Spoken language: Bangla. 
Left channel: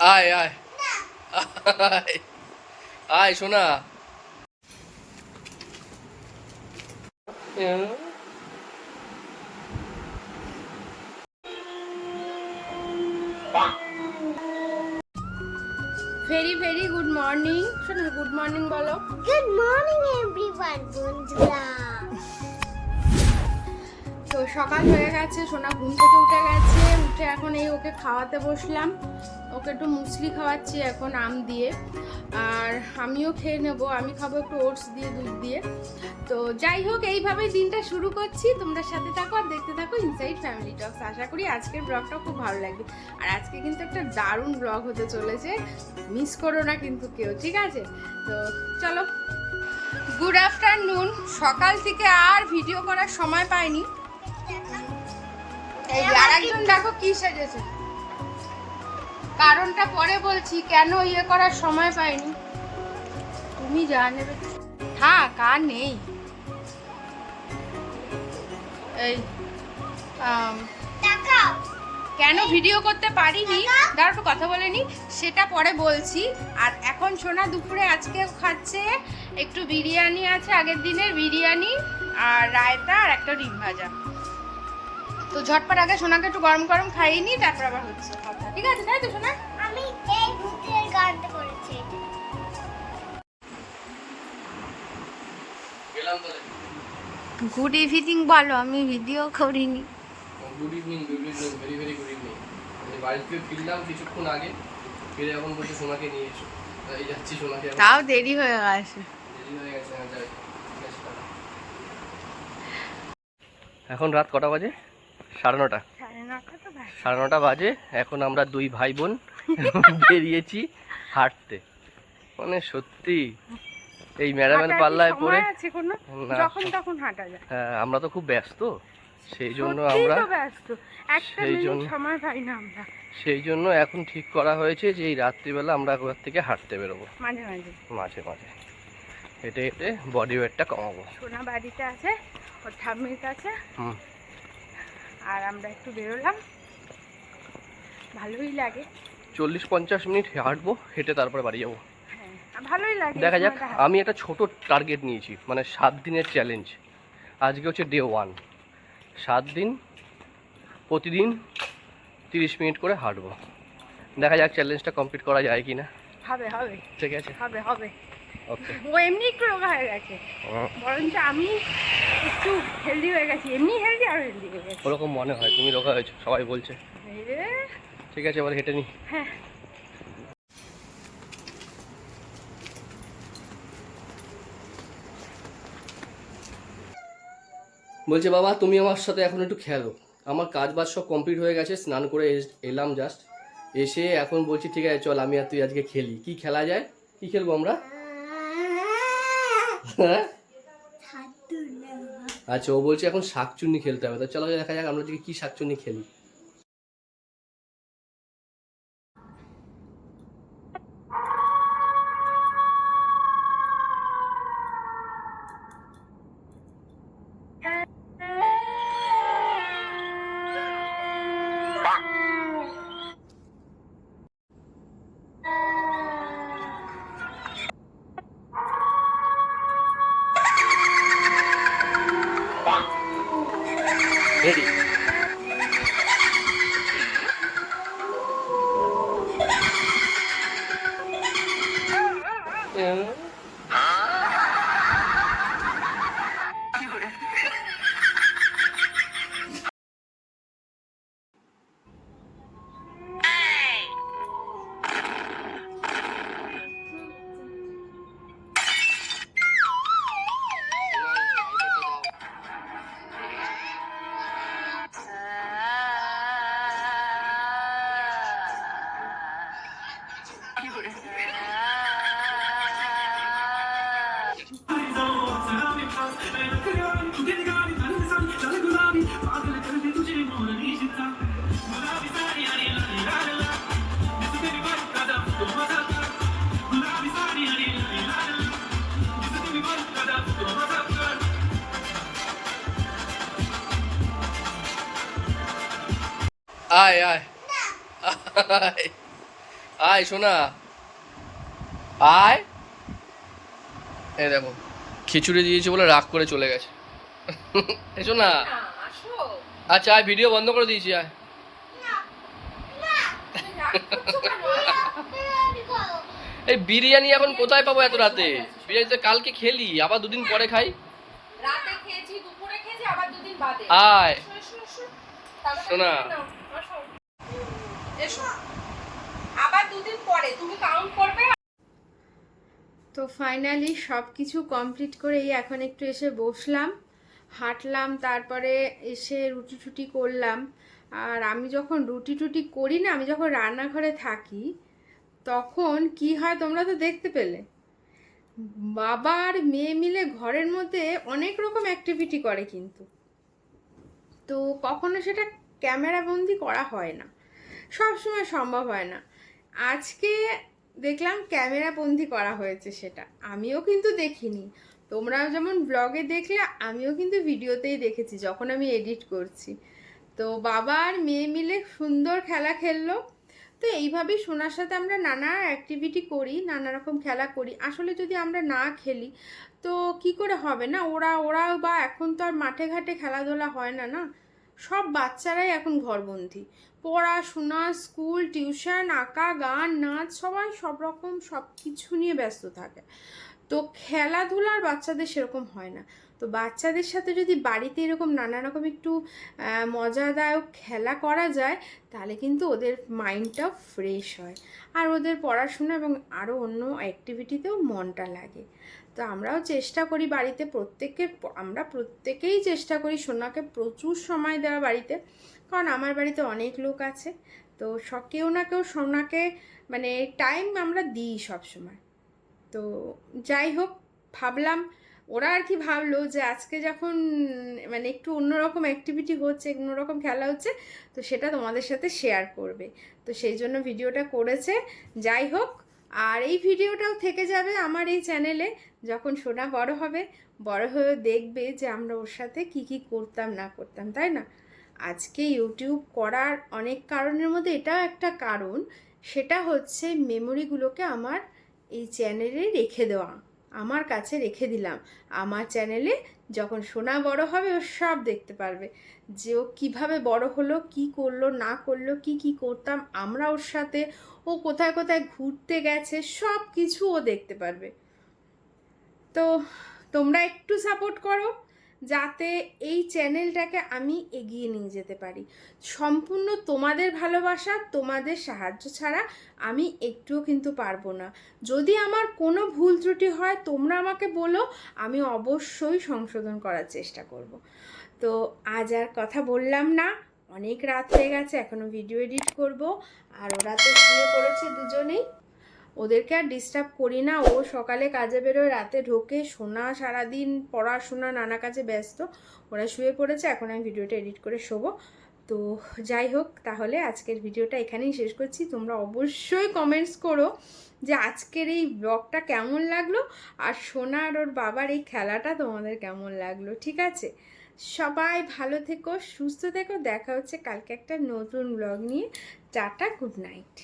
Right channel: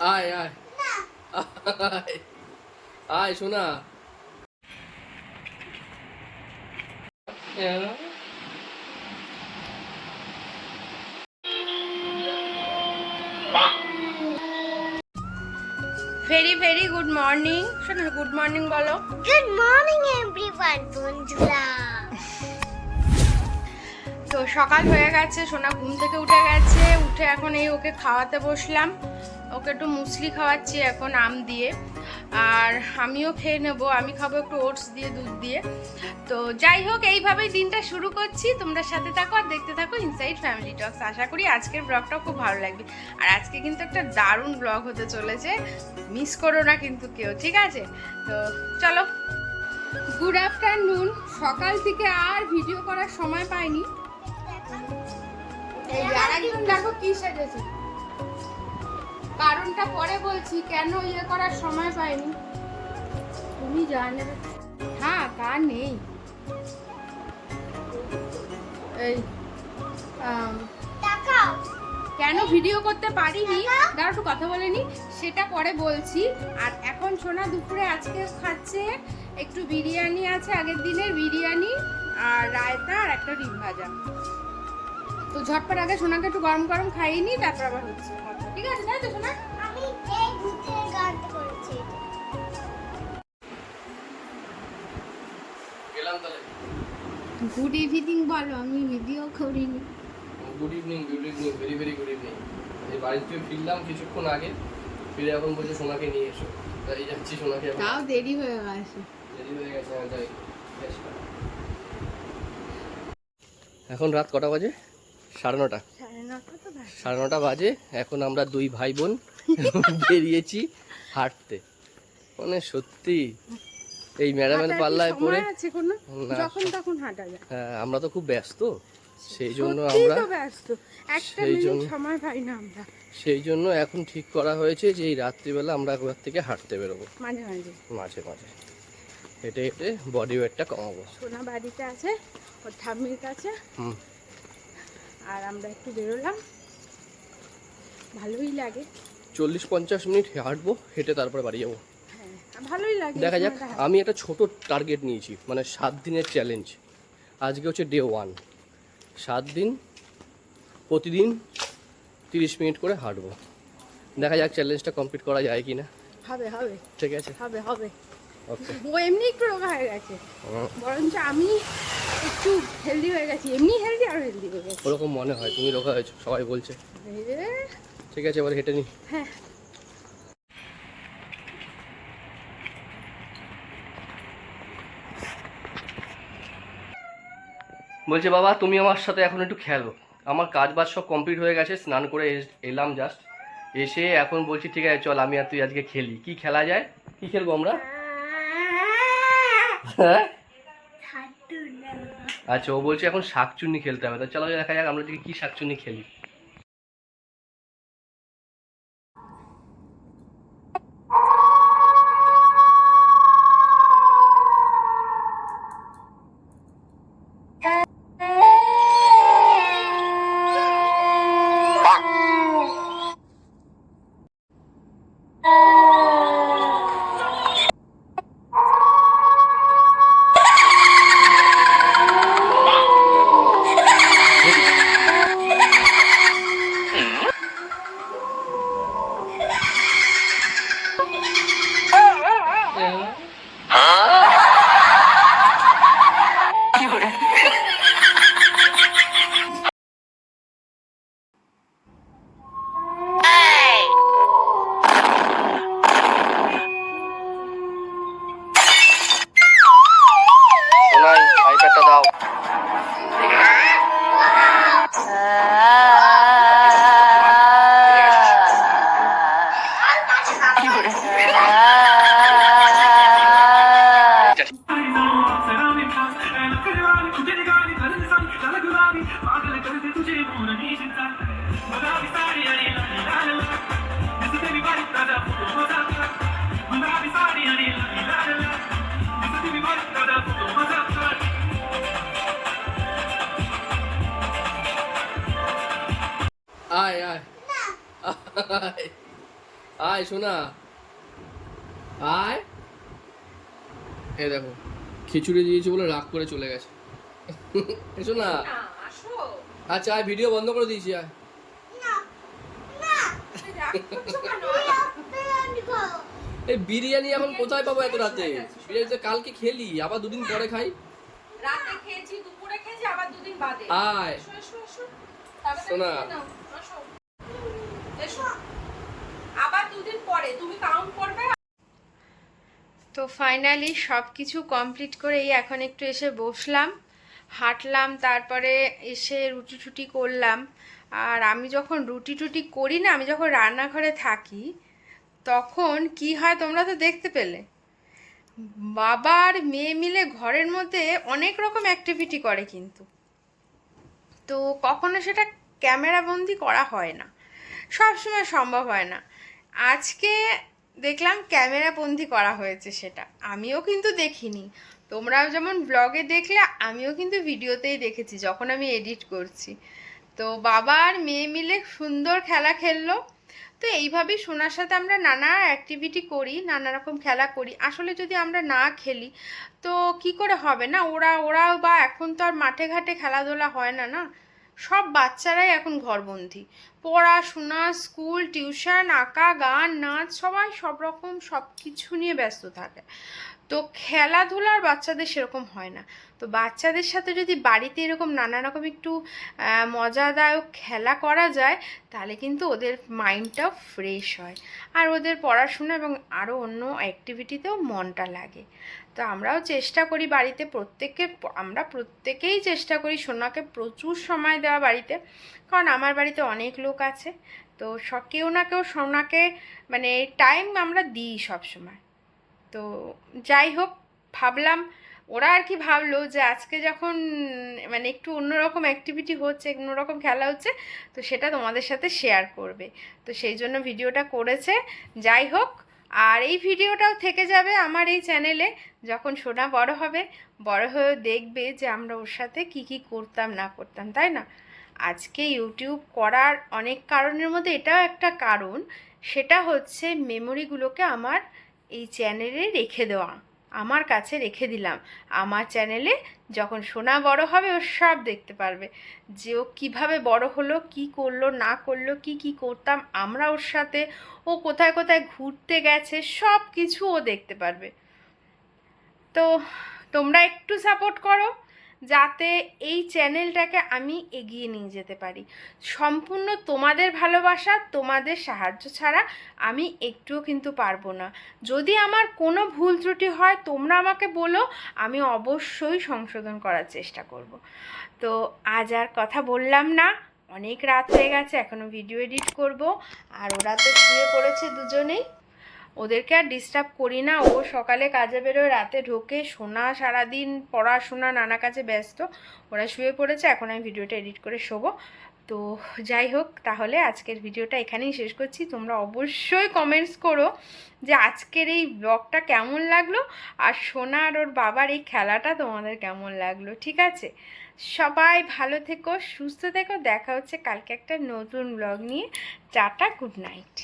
আয় আয় আয় আয় সোনা। Very very good morning. শোনো, গুড মর্নিং বলো। গুড মর্নিং এভরিওয়ান বন্ধুরা। তো সকাল হয়ে গেছে, সোনা ঘুম থেকে উঠে গেছে। উঠে এখন এই ওকে খাওয়াতে বসলাম। ওকে একটু মুসলি খাওয়াচ্ছি এখন আম দিয়ে, আর আমিও খেয়ে নেবো। আমি খাবো একটু ওটস দিয়ে, দুধ দিয়ে। তো যাই হোক, এইভাবেই দিনটা শুরু করছি। তোমরা সাথে থাকো আর দেখতে থাকো ইনসাইড ফ্যামিলি টক্স। আশা করি আজকের ব্লগটাও খুব ভালো লাগবে। আর আজকে কিন্তু একটা দারুণ ব্লগ হতে চলেছে, মিস করো না কিন্তু কেউ, ঠিক আছে? তো চলো, গুড আফটারনুন। সকাল থেকে আর ভিডিও করার সময় পাইনি। এই আরেকজন দেখো কি সেজেছে, কারণটা পরে বলছি, কেন ইয়ে করার সময় পাইনি তুমি জানো। হ্যাঁ, কার নেই এই কেন ভিডিও করতে পারিনি, দাঁড়া একটু কথা বলে নি, সেটা পরে বলছি। আর এখন সোনা দুপুরে আজকে খাচ্ছে একটু বিরিয়ানি আছে, আগের দিনের বিরিয়ানি আর রায়তা আর একটা ডিম ভাজা। তো ঝটপট আগে সোনাকে একটু গরম গরম খাইয়ে নি, তারপর আবার হচ্ছে, ঠিক আছে? তাই তো সোনা? আমি এই ভূতের গানটা করেছি। গুড ইভিনিং বলো, আমি ভিডিও করিনি। Good evening, good evening, very very good evening. এই বাড়ি থেকে ফিরলাম কিছুক্ষণ আগে, ফিরে এখন বলছি সোনাকে নিয়ে এসো, তাই যাচ্ছি সোনাকে। তাও দেরি হয়ে গেছে। দেরি হয়ে গেছে, যাই। এখন রাত কটা বাজে? 9:30। 9:30 বাজে। এখন আমরা দুই ভাই বোন বেরিয়েছি হাঁটতে। মানে সত্যি এই ম্যাডামের পাল্লায় পড়ে যখন তখন হাঁটা যায়। হ্যাঁ, আমরা তো খুব ব্যস্ত, সেই জন্য আমরা সময় পাই না আমরা। সেই জন্য এখন ঠিক করা হয়েছে যে এই রাত্রিবেলা আমরা ঘর থেকে হাঁটতে বেরোবো, মাঝে মাঝে মাঝে মাঝে হেঁটে হেঁটে বডি ওয়েটটা কমাবো। সোনা বাড়িতে আছে ওর ঠাম্মির কাছে, আর আমরা একটু বেরোলাম, ভালোই লাগে। 40-50 মিনিট হাঁটবো, হেঁটে তারপরে বাড়ি যাবো। হ্যাঁ, ভালোই লাগে। দেখা যাক। আমি একটা ছোট টার্গেট নিয়েছি, মানে 7 দিনের চ্যালেঞ্জ। আজকে হচ্ছে ডে 1। 7 দিন প্রতিদিন 30 মিনিট করে হাঁটবো। দেখা যাক চ্যালেঞ্জটা কমপ্লিট করা যায় কি না। হবে হবে, ঠিক আছে, হবে হবে। ওকে। ও এমনি একটু রোগা হয়ে গেছে, বরঞ্চ আমি একটু হেলদি হয়ে গেছি। এমনি হেলদি আর হেলদি হয়ে গেছি। ওরকম মনে হয়, তুমি রোগা হয়েছো সবাই বলছে। ঠিক আছে, এবার হেঁটে নি। হ্যাঁ, বলছে বাবা তুমি আমার সাথে এখন একটু খেলো। আমার কাজ বাজ সব কমপ্লিট হয়ে গেছে, স্নান করে এলাম জাস্ট, এসে এখন বলছি ঠিক আছে চল আমি আর তুই আজকে খেলি। কি খেলা যায়, কি খেলবো আমরা? হ্যাঁ, আচ্ছা, ও বলছে এখন শাকচুন্নি খেলতে হবে। তো চলো দেখা যাক আমরা কি শাকচুন্নি খেলি। আইপ্যাডটা দাও। আয় আয় আয় আয় সোনা, আয়। এই দেখো খিচুড়ি দিয়েছি বলে রাগ করে চলে গেছে। এসো না। আচ্ছা আয়, ভিডিও বন্ধ করে দিয়েছি, আয়। এই বিরিয়ানি এখন কোথায় পাবো এত রাতে? বিরিয়ানি তো কালকে খেলি, আবার দুদিন পরে খাই। রাতে খেয়েছি, দুপুরে খেয়েছি, আবার দুদিন বাদে। আয় সোনা। আবার দুদিন পরে তুমি কাউন্ট করবে। তো ফাইনালি সব কিছু কমপ্লিট করে এখন একটু এসে বসলাম, হাঁটলাম, তারপরে এসে রুটি টুটি করলাম। আর আমি যখন রুটি টুটি করি না, আমি যখন রান্নাঘরে থাকি তখন কি হয় তোমরা তো দেখতে পেলে, বাবা আর মেয়ে মিলে ঘরের মধ্যে অনেক রকম অ্যাক্টিভিটি করে, কিন্তু তো কখনো সেটা ক্যামেরা বন্দি করা হয় না, সব সময় সম্ভব হয় না। আজকে দেখলাম ক্যামেরা বন্দি করা হয়েছে, সেটা আমিও কিন্তু দেখিনি। তোমরাও যেমন ব্লগে দেখলে, আমিও কিন্তু ভিডিওতেই দেখেছি যখন আমি এডিট করছি। তো বাবা আর মেয়ে মিলে সুন্দর খেলা খেললো। তো এইভাবেই সোনার সাথে আমরা নানা অ্যাক্টিভিটি করি, নানা রকম খেলা করি। আসলে যদি আমরা না খেলি তো কি করে হবে না? ওরাও বা এখন তো আর মাঠে ঘাটে খেলাধুলা হয় না, না, সব বাচ্চারাই এখন ঘরবন্দি, পড়াশোনা, স্কুল, টিউশন, আঁকা, গান, নাচ, সবাই সব রকম সব কিছু নিয়ে ব্যস্ত থাকে। তো খেলাধুলার বাচ্চাদের সেরকম হয় না। তো বাচ্চাদের সাথে যদি বাড়িতে এরকম নানা রকম একটু মজাদায়ক খেলা করা যায়, তাহলে কিন্তু ওদের মাইন্ডটাও ফ্রেশ হয়, আর ওদের পড়াশোনা এবং আরও অন্য অ্যাক্টিভিটিতেও মনটা লাগে। তো আমরাও চেষ্টা করি বাড়িতে, আমরা প্রত্যেকেই চেষ্টা করি সোনাকে প্রচুর সময় দেওয়া বাড়িতে, কারণ আমার বাড়িতে অনেক লোক আছে। তো কেউ না কেউ সোনাকে মানে টাইম আমরা দিই সব সময়। তো যাই হোক, ভাবলাম ওরা আর কি ভাবলো যে আজকে যখন মানে একটু অন্যরকম অ্যাক্টিভিটি হচ্ছে, অন্যরকম খেলা হচ্ছে, তো সেটা তোমাদের সাথে শেয়ার করবে, তো সেই জন্য ভিডিওটা করেছে। যাই হোক, আর এই ভিডিওটাও থেকে যাবে আমার এই চ্যানেলে। যখন সোনা বড় হবে, বড় হয়ে দেখবে যে আমরা ওর সাথে কি কি করতাম না করতাম, তাই না? আজকে ইউটিউব করার অনেক কারণের মধ্যে এটাও একটা কারণ, সেটা হচ্ছে মেমোরিগুলোকে আমার এই চ্যানেলে রেখে দেওয়া, আমার কাছে রেখে দিলাম। আমার চ্যানেলে যখন সোনা বড় হবে ও সব দেখতে পারবে, যে ও কীভাবে বড় হলো, কি করলো না করলো, কি কি করতাম আমরা ওর সাথে, ও কোথায় কোথায় ঘুরতে গেছে, সব কিছু ও দেখতে পারবে। তো তোমরা একটু সাপোর্ট করো যাতে এই চ্যানেলটাকে আমি এগিয়ে নিয়ে যেতে পারি। সম্পূর্ণ তোমাদের ভালোবাসা, তোমাদের সাহায্য ছাড়া আমি একটুও কিন্তু পারবো না। যদি আমার কোনো ভুল ত্রুটি হয় তোমরা আমাকে বলো, আমি অবশ্যই সংশোধন করার চেষ্টা করব। তো আজ আর কথা বললাম না, অনেক রাত হয়ে গেছে, এখনও ভিডিও এডিট করব। আর ওরা তো শুয়ে পড়েছে দুজনেই, ওদেরকে আর ডিস্টার্ব করি না। ও সকালে কাজে বেরোয়, রাতে ঢোকে, সোনা সারাদিন পড়াশোনা নানা কাজে ব্যস্ত, ওরা শুয়ে পড়েছে, এখন আমি ভিডিওটা এডিট করে শোবো। তো যাই হোক, তাহলে আজকের ভিডিওটা এখানেই শেষ করছি। তোমরা অবশ্যই কমেন্টস করো যে আজকের এই ব্লগটা কেমন লাগলো, আর সোনা আর ওর বাবার এই খেলাটা তোমাদের কেমন লাগলো। ঠিক আছে, সবাই ভালো থেকো, সুস্থ থেকো, দেখা হচ্ছে কালকে একটা নতুন ব্লগ নিয়ে। Tata, good night.